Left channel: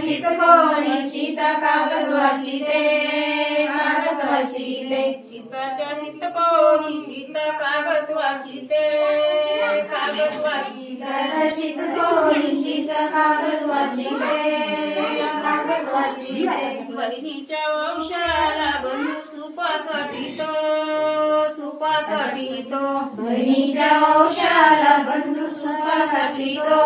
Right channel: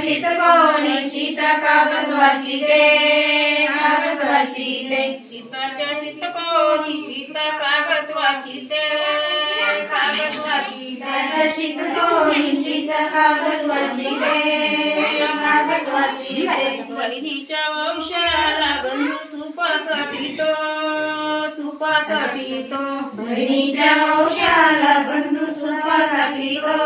शीत कोणी शीत कागद वाचिते कागद वाचिते शीताच्या शीत कोणी शीत कागद वाचिते कागद वाचिते शीत कोणी शीत कागद वाचिते कागद वाचिते बहिणीच्या वंशाला बंधू सुपासाठीतो सुपासाठीतो बहिणीच्या वंशाला बंधू सुपासाठीतो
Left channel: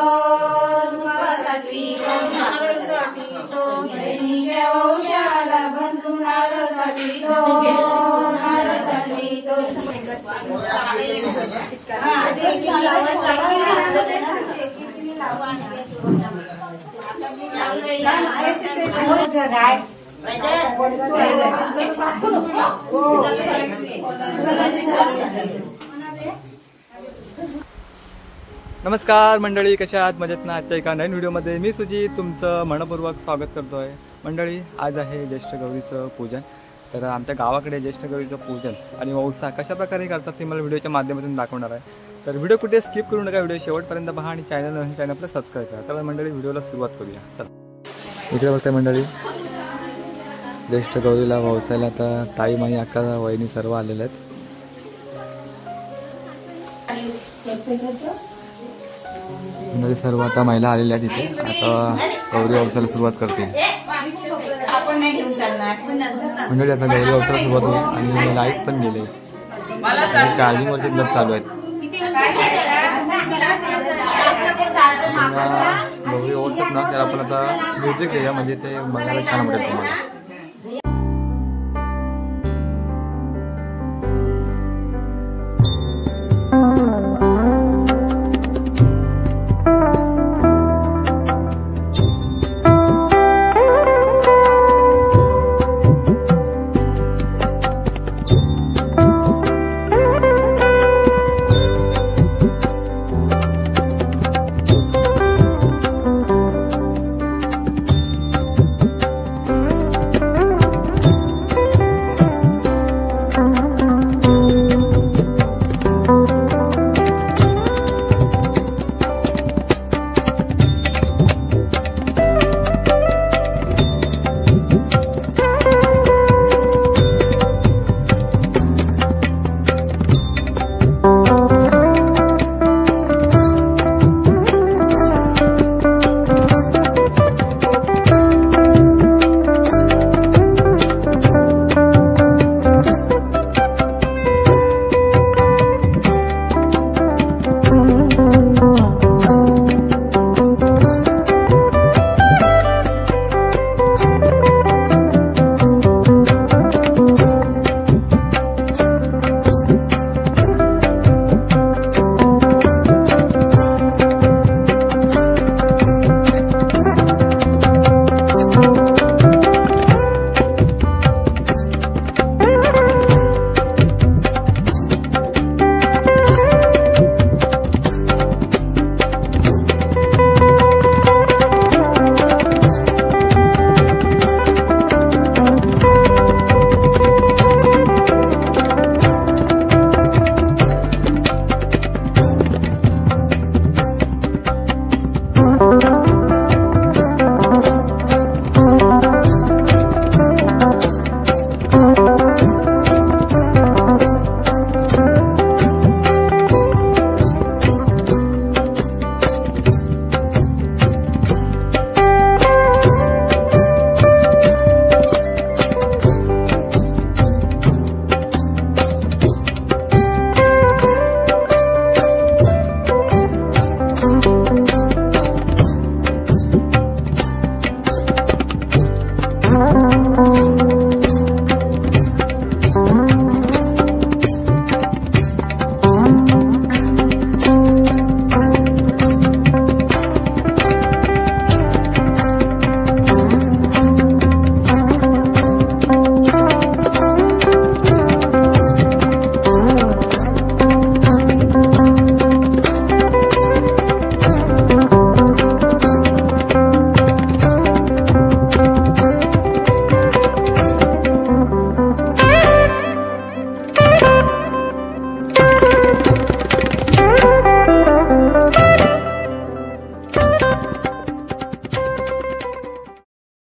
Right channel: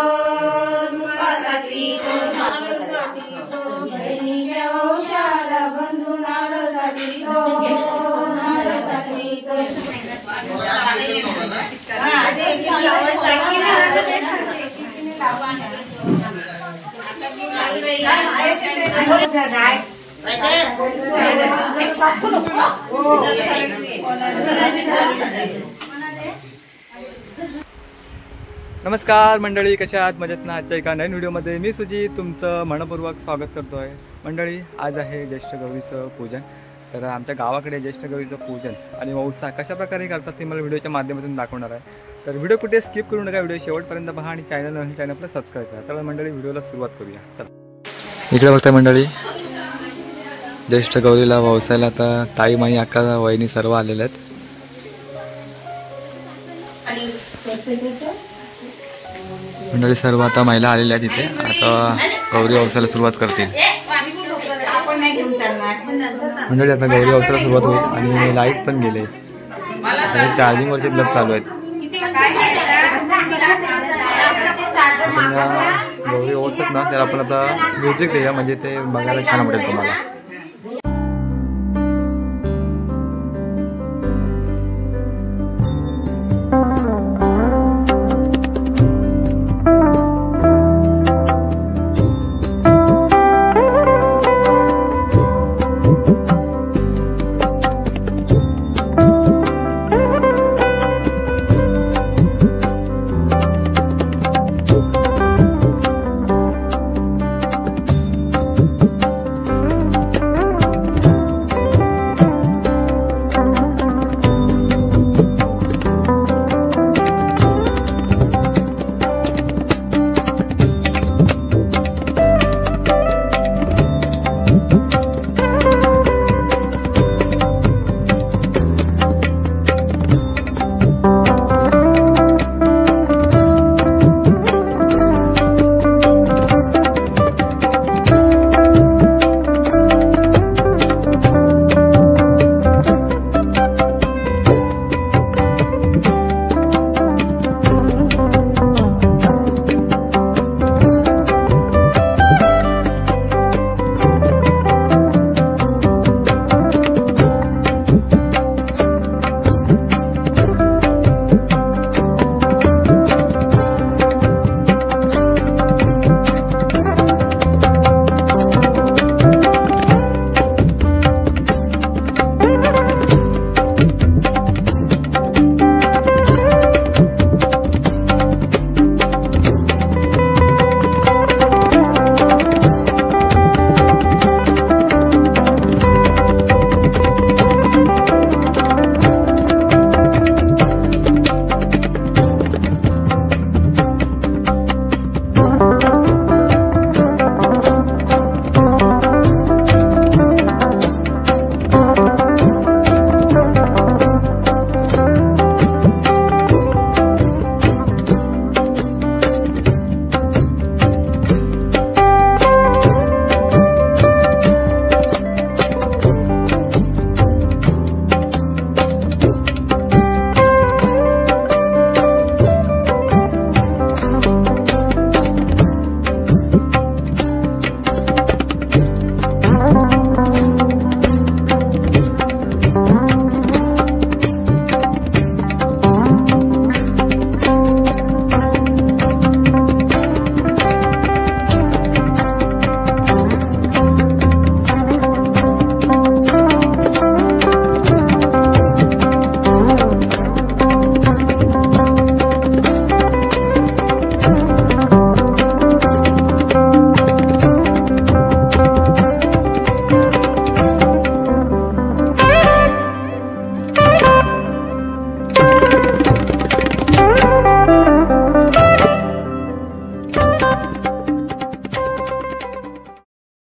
सुपासाठीतो नारळसाठीतो बहिणीच्या वंशाला बंधू नारळसाठीतो नारळसाठीतो नमस्कार मंडळी, कशा आहात? मजेत ना? आजच्या एका नवीन व्हिडिओमध्ये मी सुजित तुमचं मनपूर्वक स्वागत करतो आहे. मंडळी, आज आहे ज्येष्ठ गौरीचं पूजन. तर आमच्या गावाकडे ज्येष्ठ गौरीचं पूजन आणि वौसा कशा प्रकारे करतात ते मला व्हिडिओच्या माध्यमातून दाखवणार आहे. तर व्हिडिओ कुठे स्किप करू नका, व्हिडिओ शेवटपर्यंत पहा आणि चॅनलला सबस्क्राईब करा. तर मंडळी, व्हिडिओला सुरुवात करूया. चला, इकडे बघताय मंडळी, ज्येष्ठ गौरीला वौसायला आता ताई, माई, अक्का, वहिनी सर्व आलेले आहेत. मंडळी सर्व आता महिला आलेल्या आहेत इथे. आता गौरी वौसायला सुरुवात करतील मंडळी. आता गौरी वौसायला सुरुवात होईल आणि लाईट पण गेले आणि चार्जिंग वरचे ब्लब चालू आहेत. गौरी वौसत ना, तर आपण आता म्युझिक देऊया, म्हणजे ते बघायला छान वाटेल तुम्हाला.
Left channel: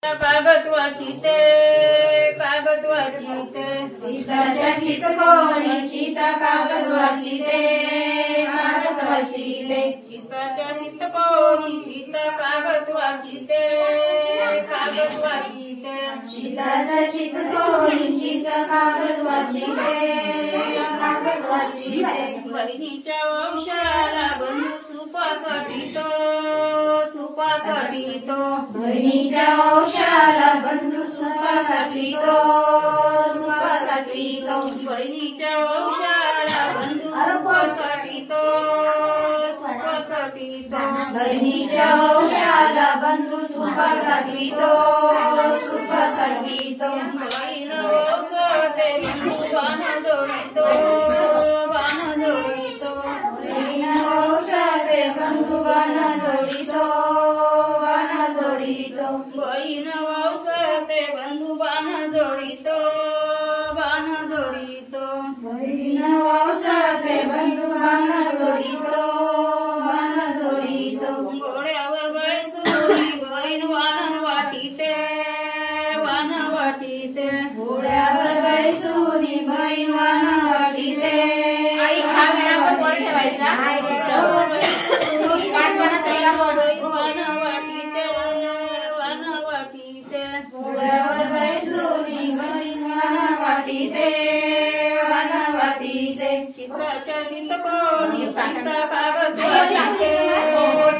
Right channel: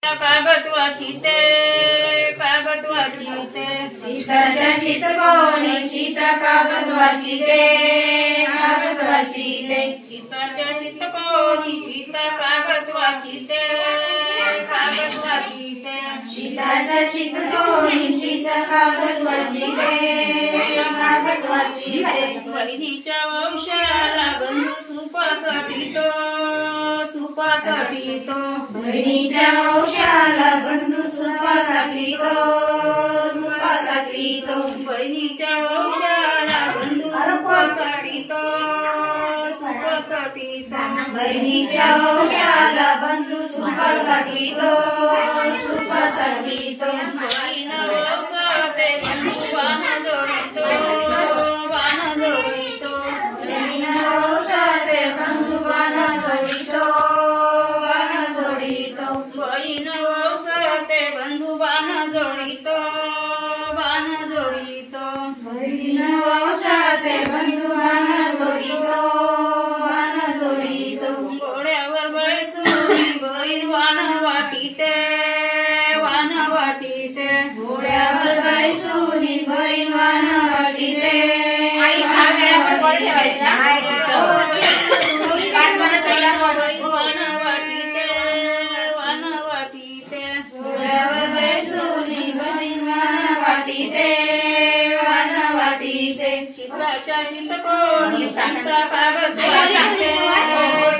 कागद वाचिते कागद वाचिते सीताच्या शीतकोणी सीता कागद वाचिते कागद वाचिते सीताच्या शीतकोणी सीता कागद वाचिते कागद वाचिते सीताच्या शीतकोणी सीता कागद वाचिते कागद वाचिते बहिणीच्या वंशाला बंधू सुपासाठी तो बहिणीच्या वंशाला बंधू सुपासाठी तो बहिणीच्या वंशाला बंधू सुपासाठी तो बहिणीच्या वंशाला बंधू सुपासाठी तो बहीण वंशाते बंधू बाण जोडितो बाण जोडितो बहीण वंशाते बंधू बाण जोडितो बाण जोडितो बहीण वंशाते बंधू बाण जोडितो बाण जोडितो बहीण वंशाते बंधू बाण जोडितो बाण जोडितो घोड्यावर बैसून बहीण वाण वाटिते वाण वाटिते घोड्यावर बैसूनी बहीण वाण वाटिते आई हा वेळा पण वर ठेवायचा वाण वाटिते वाण वाटिते घोड्यावर बैसूनी बहीण वाण वाटिते वाण वाटिते सीताच्या शीतकोणी सीता कागद वाचिते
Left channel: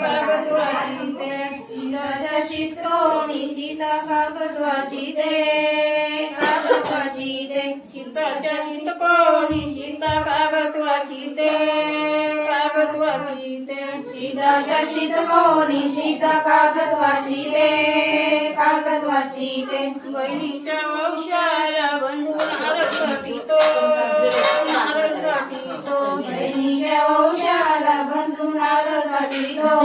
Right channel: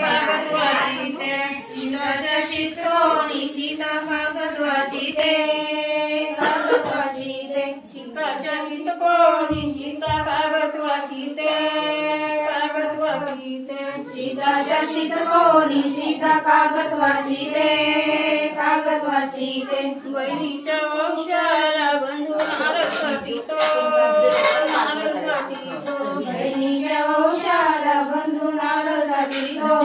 कागद वाचिते सीताच्या शीतकोणी सीता कागद वाचिते कागद वाचिते सीताच्या शीतकोणी सीता कागद वाचिते कागद वाचिते सीताच्या शीतकोणी सीता कागद वाचिते कागद वाचिते बहिणीच्या वंशाला बंधू नारळ साठीतो नारळ साठीतो बहिणीच्या वंशाला बंधू नारळ साठीतो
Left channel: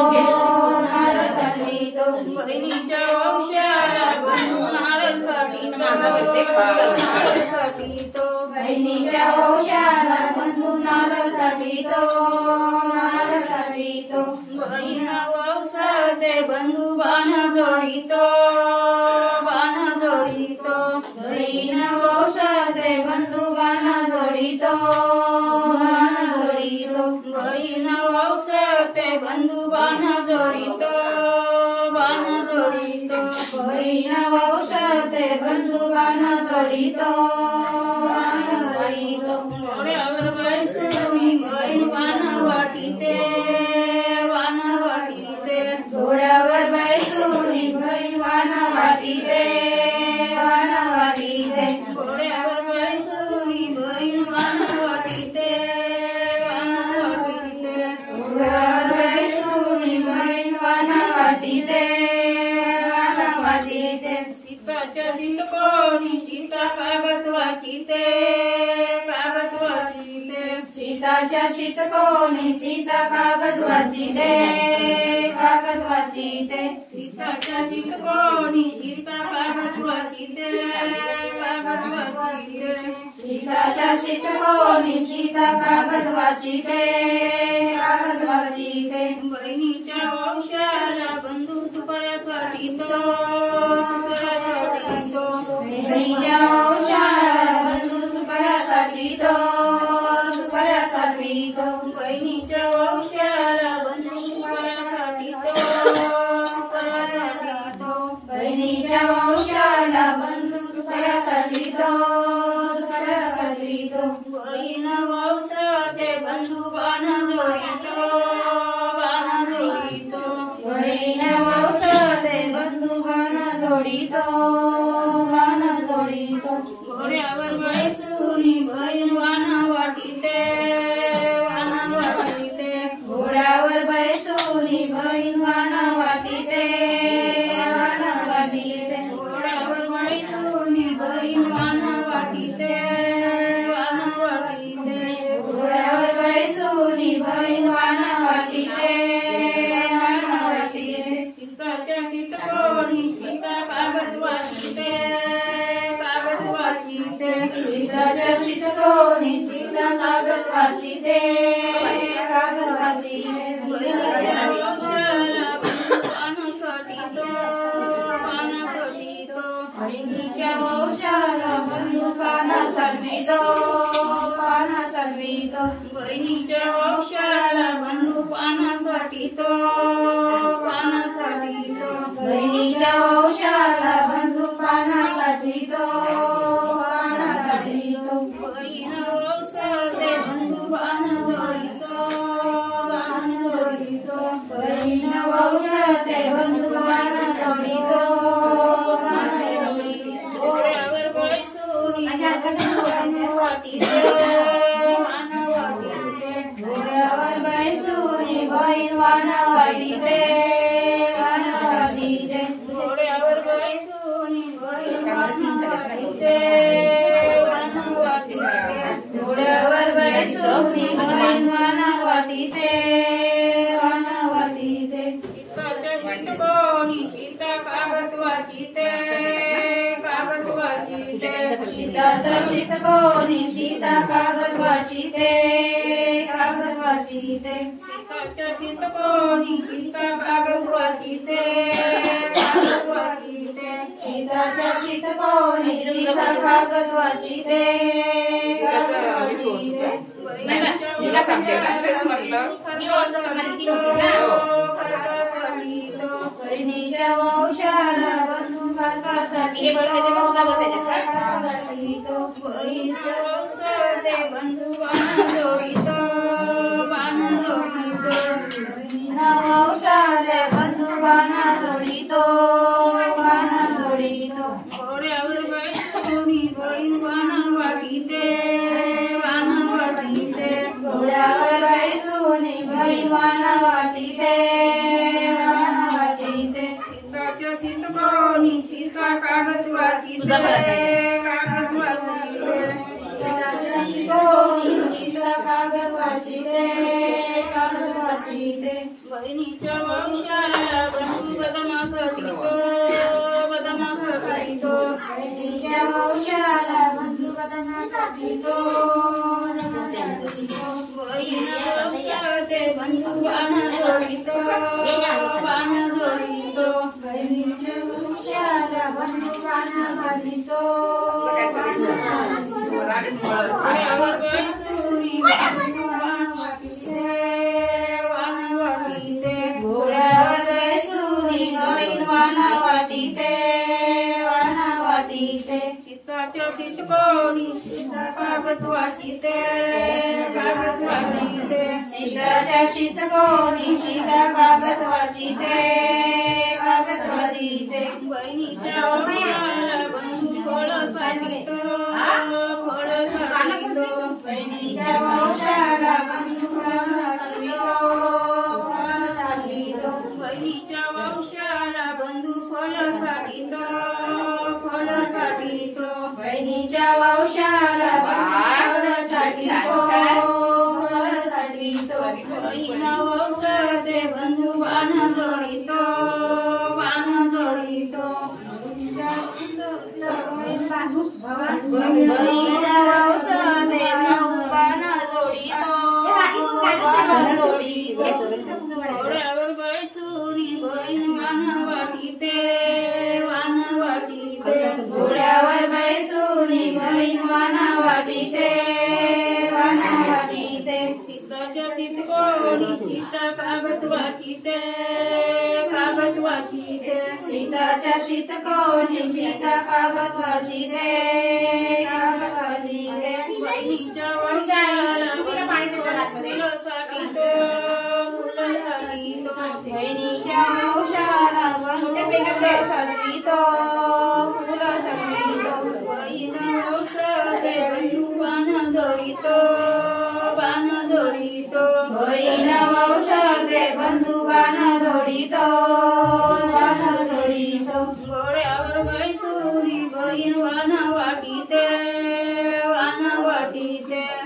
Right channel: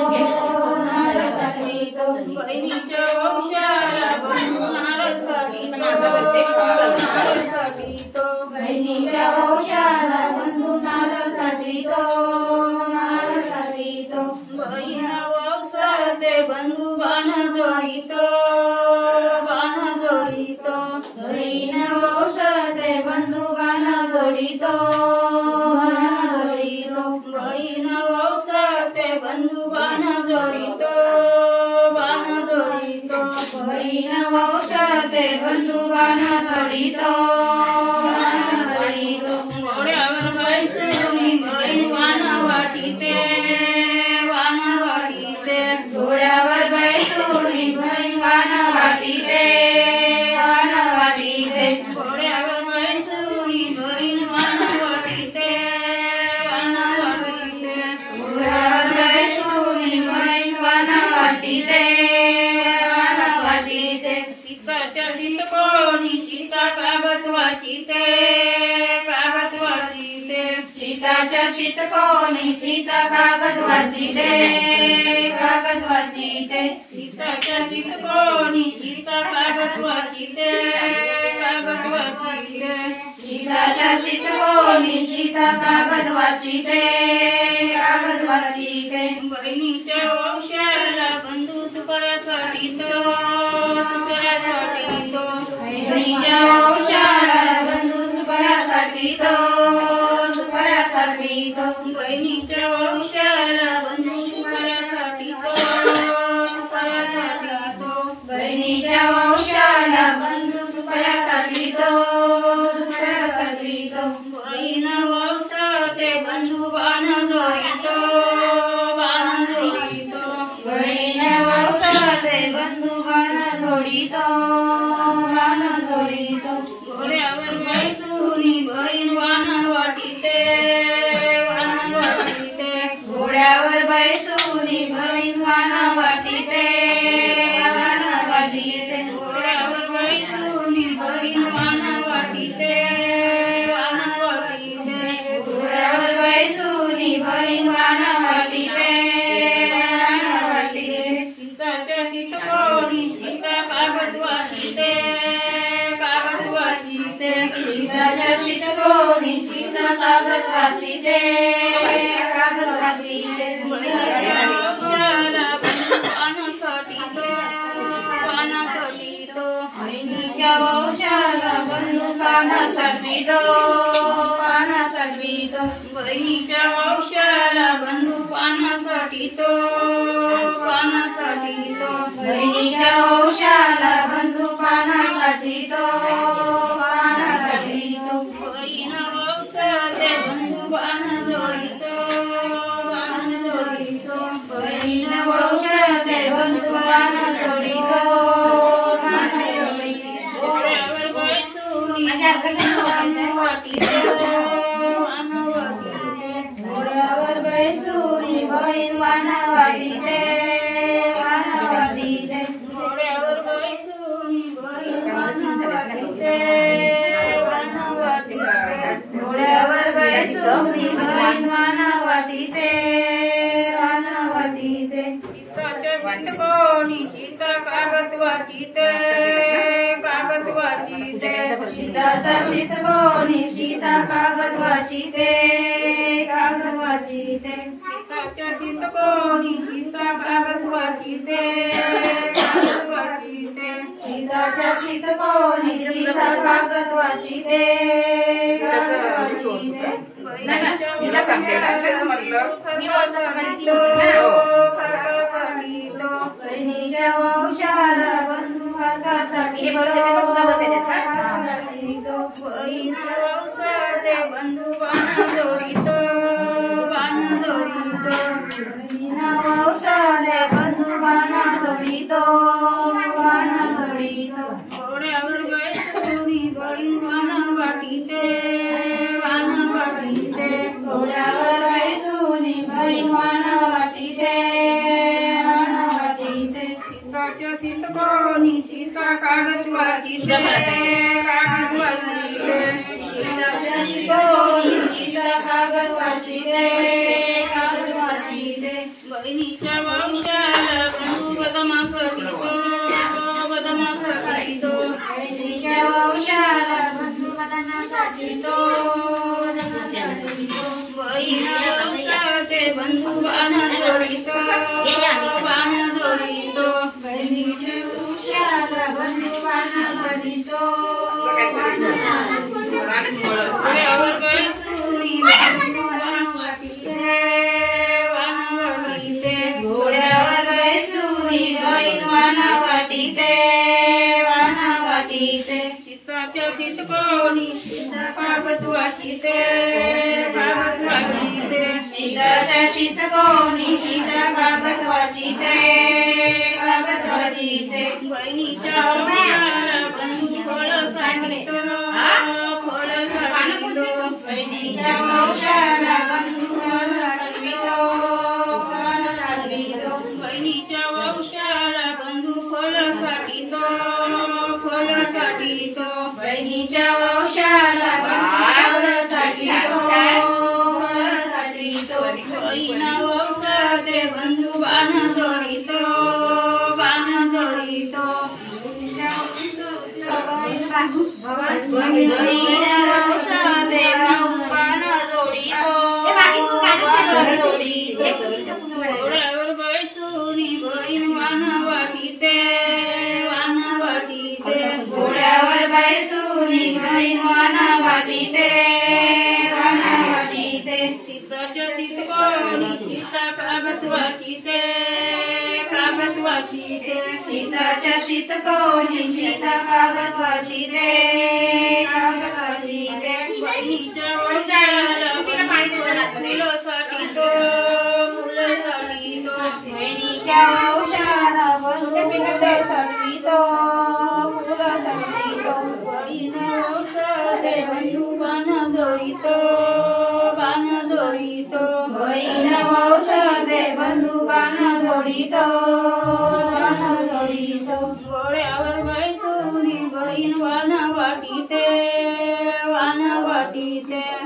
नारळ साठीतो बहिणीच्या वंशाला बंधू नारळ साठीतो नारळ साठीतो बहिणीच्या वंशाला बंधू नारळ साठीतो नारळ साठीतो बहीण वंशाते बंधू बाण जोडितो बाण जोडितो बहीण वंशाते बंधू बाण जोडितो बाण जोडितो बहीण वंशाते बंधू बाण जोडितो बाण जोडितो बहीण वंशाते बंधू बाण जोडितो बाण जोडितो घोड्यावर बैसून बहीण वाण वाटिते वाण वाटिते घोड्यावर बैसूनी बहीण वाण वाटिते वाण वाटिते घोड्यावर बैसून बहीण वाण वाटिते वाण वाटिते घोड्यावर बैसूनी बहीण वाण वाटिते वाण वाटिते सीताच्या शीतकोणी सीता कागद वाचिते कागद वाचिते सीताच्या शीतकोणी सीता कागद वाचिते कागद वाचिते सीताच्या शीतकोणी सीता कागद वाचिते कागद वाचिते सीताच्या शीतकोणी सीता कागद वाचिते कागद वाचिते बहिणीच्या वंशाला बंधू सुपाऱ्यासाठी तो सुपाऱ्यासाठी तो बहिणीच्या वंशाला बंधू सुपाऱ्यासाठी तो सुपाऱ्यासाठी तो बहिणीच्या वंशाला बंधू सुपाऱ्यासाठी तो सुपाऱ्यासाठी तो बहिणीच्या वंशाला बंधू सुपाऱ्यासाठी तो सुपाऱ्यासाठी तो बहीण वंशाते बंधू बाण जोडितो बाण जोडितो बहीण वंशाते बंधू बाण जोडितो बाण जोडितो घोड्यावर बैसून बहीण वाण वाटिते वाण वाटिते घोड्यावर बैसूनी बहीण वाण वाटिते वाण वाटिते घोड्यावर बैसून बहीण वाण वाटिते वाण वाटिते घोड्यावर बैसूनी बहीण वाण वाटिते वाण वाटिते सीताच्या शीतकोणी सीता कागद वाचिते कागद वाचिते सीताच्या शीतकोणी सीता कागद वाचिते कागद वाचिते बहिणीच्या वंशाला बंधू बाण साठीतो बाण साठीतो वाण सलवितो बहिणीच्या वंशाला बंधू पान साठीतो बहिणीच्या वंशाला बंधू पानासाठी तो बहीण वंशाचे बंधू बाण जोडितो बहीण वंशाचे बंधू बाण जोडितो घोड्यावर बैसून वाटीते घोड्यावर बैसून बहीण वाण वाटीते घोड्यावर बैसून घोड्यावर बैसून बहीण वाण वाटीते सीताच्या सिंदकोनी सीता कागद वाचिते सीताचा सितकोनी सीता कागद वाचिते सीताच्या सिंदकोनी सीता कागद वाचिते सीताच्या सितकोनी सीता कागद वाचिते तिला सांगते ना तेच म्हटलं बहिणीच्या वंशाला बंधू भारतासाठी बंधू बाण जोडितो वंशाचे बंधू बाण जोडितो घोड्यावर बैसून बहीण बाण वाटिते घोड्यावर बैसून बहीण वाण वाटिते सीताच्या सितकोनी सीता कागद वाचिते सीताच्या सितकोनी सीता कागद वाचिते बहिणीच्या वंशाला बंधू बदमासाठीतो बहिणीच्या वंशाला बंधू बदनासाठी तो बहीण वंशाचे बंधू बाण जोडितो बहिणीच्या वंशाला बंधू बाण जोडितो घोड्यावर बैसून बंधू बाण वाटिते घोड्यावर बैसून बहीण वाण वाटिते सीताच्या सितकोनी सीता कागद वाचिते सीताच्या सितकोनी सीता कागद वाचिते बहिणीच्या वंशाला बंधू फळ साठीतो बहिणीच्या वंशाला बंधू फळ साठवितो बहिणीच्या वंशाला बंधू फळ साठीतो बहिणीच्या वंशाला बंधू फळ साठवितो बहीण वंशाचे बंधू बाण जोडितो बहिणीच्या वंशाचे बंधू बाण घोड्यावर बैसून बहीण वाण वाटिते घोड्यावर बैसून बहीण वाण वाटिते सीताच्या सितकोनी सीता कागद वाचिते सीताच्या सितकोनी सीता कागद वाचिते बहिणीच्या वंशाला फुलासाठीतो बहिणीच्या वंशाला बंधू साठवितो बहीण वंशाचे बंधू बाण जोडितो बहीण वंशाचे बंधू बाण जोडितो घोड्यावर बैसून बहीण वाण वाटिते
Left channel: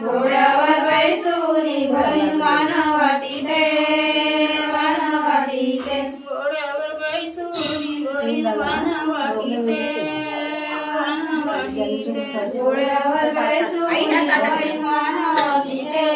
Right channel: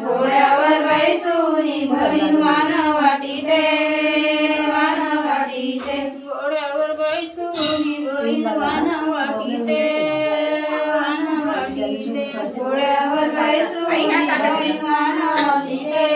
घोड्यावर बैसून बहीण वाण वाटिते घोड्यावर बैसून बहीण वाण वाटिते घोड्यावर बैसून बहीण वाण वाटिते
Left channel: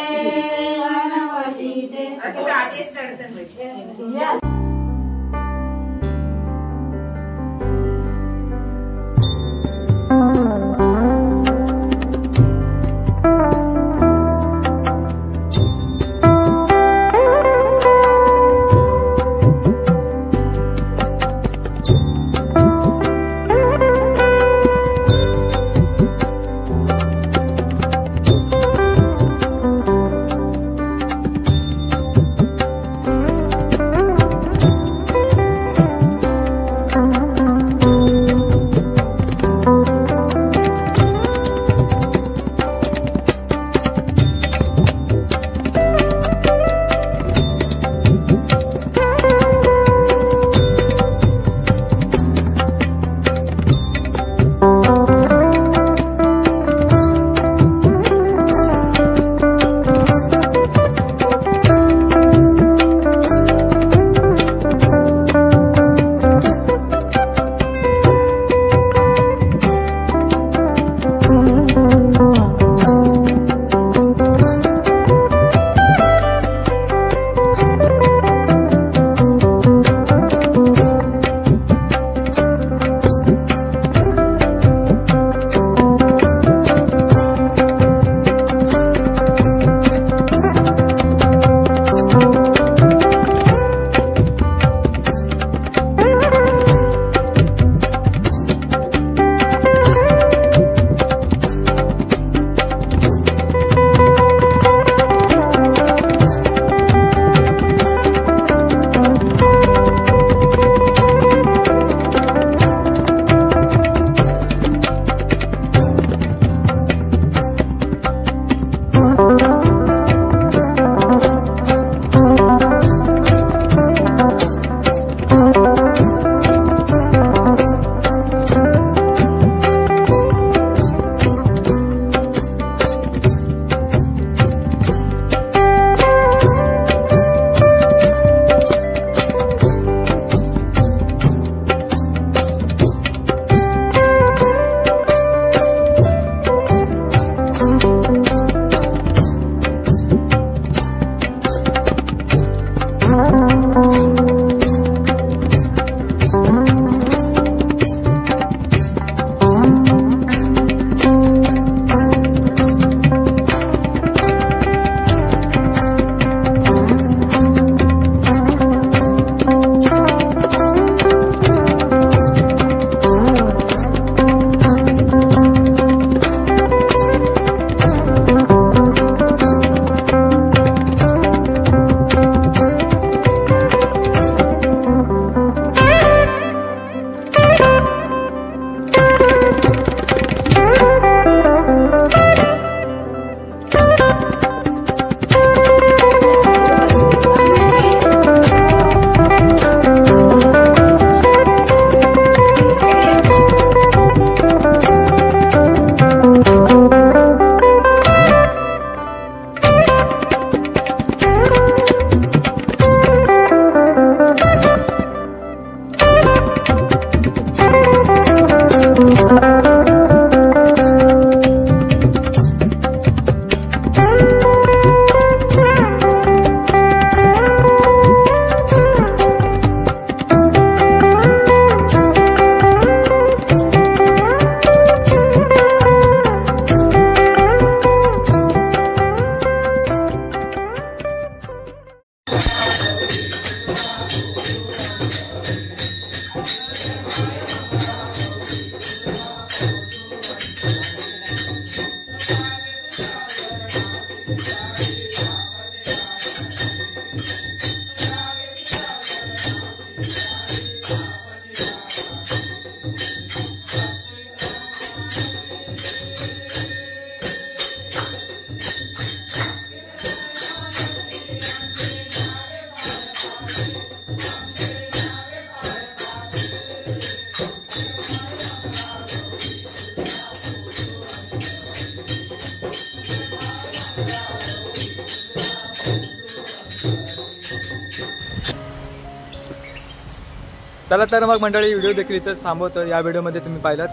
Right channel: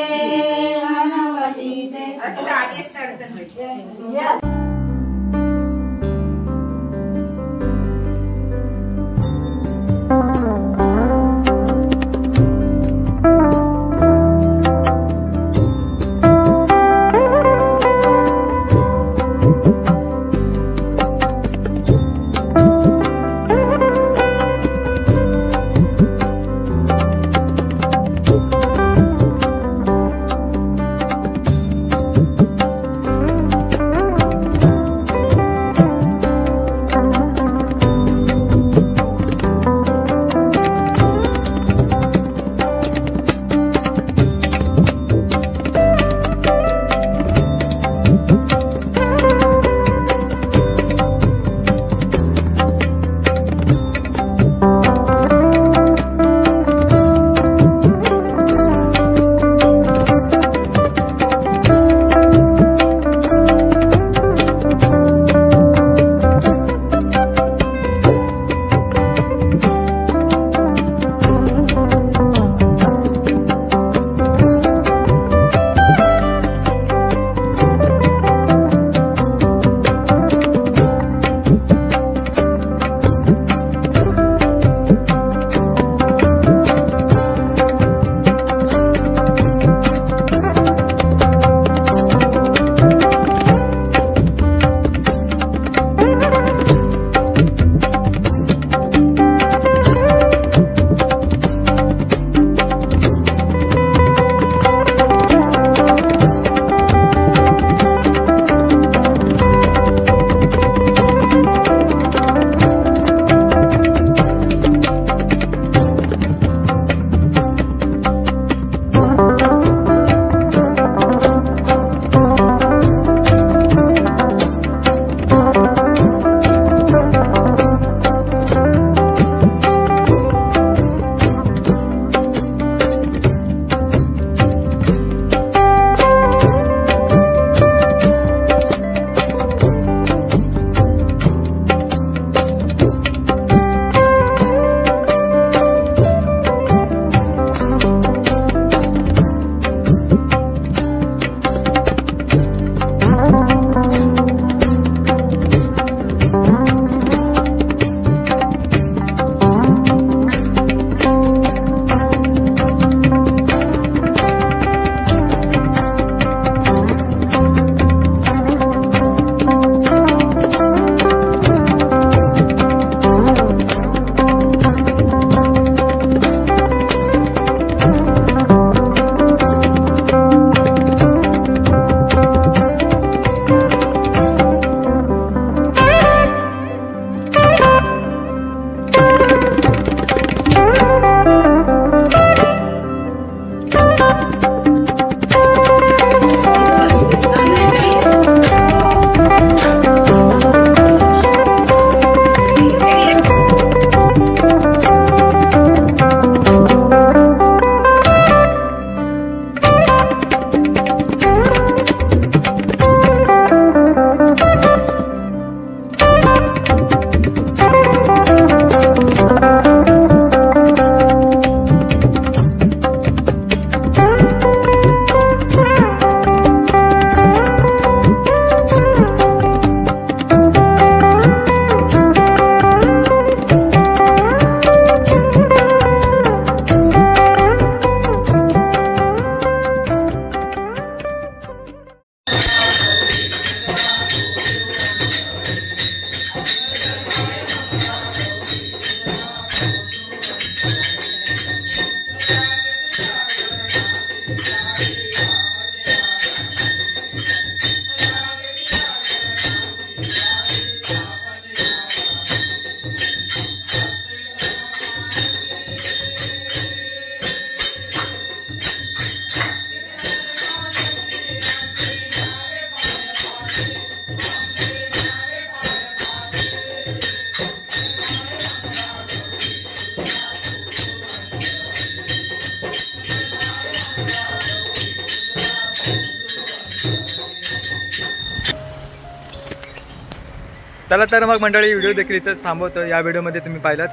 चला तर मग मंडळी व्हिडिओ देखील इथंच थांबवतो। या व्हिडिओमध्ये तुम्ही पाहिलात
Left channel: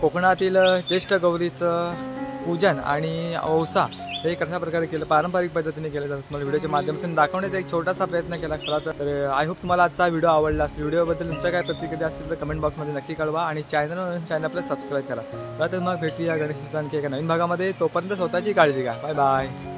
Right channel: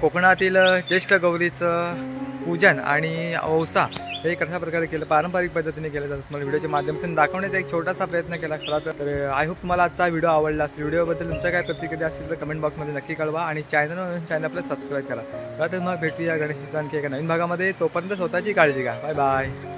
कोकणातील ज्येष्ठ गौरीचं पूजन आणि औसा हे कशा प्रकारे केलं, पारंपरिक पद्धतीने केलं जातं। तुम्हाला व्हिडिओच्या माध्यमातून दाखवण्याचा एक छोटासा प्रयत्न केला खरा तर आय होप तुम्हाला आजचा व्हिडिओ आवडला असेल। व्हिडिओबद्दल तुमच्या काय प्रतिक्रिया असतील तर कमेंट बॉक्समध्ये नक्की कळवा आणि चॅनल आपलं सबस्क्राईब करा। तर मग भेटूया गणेश आणखी एका नवीन भागामध्ये। तोपर्यंत स्वतःची काळजी घ्या। Bye bye.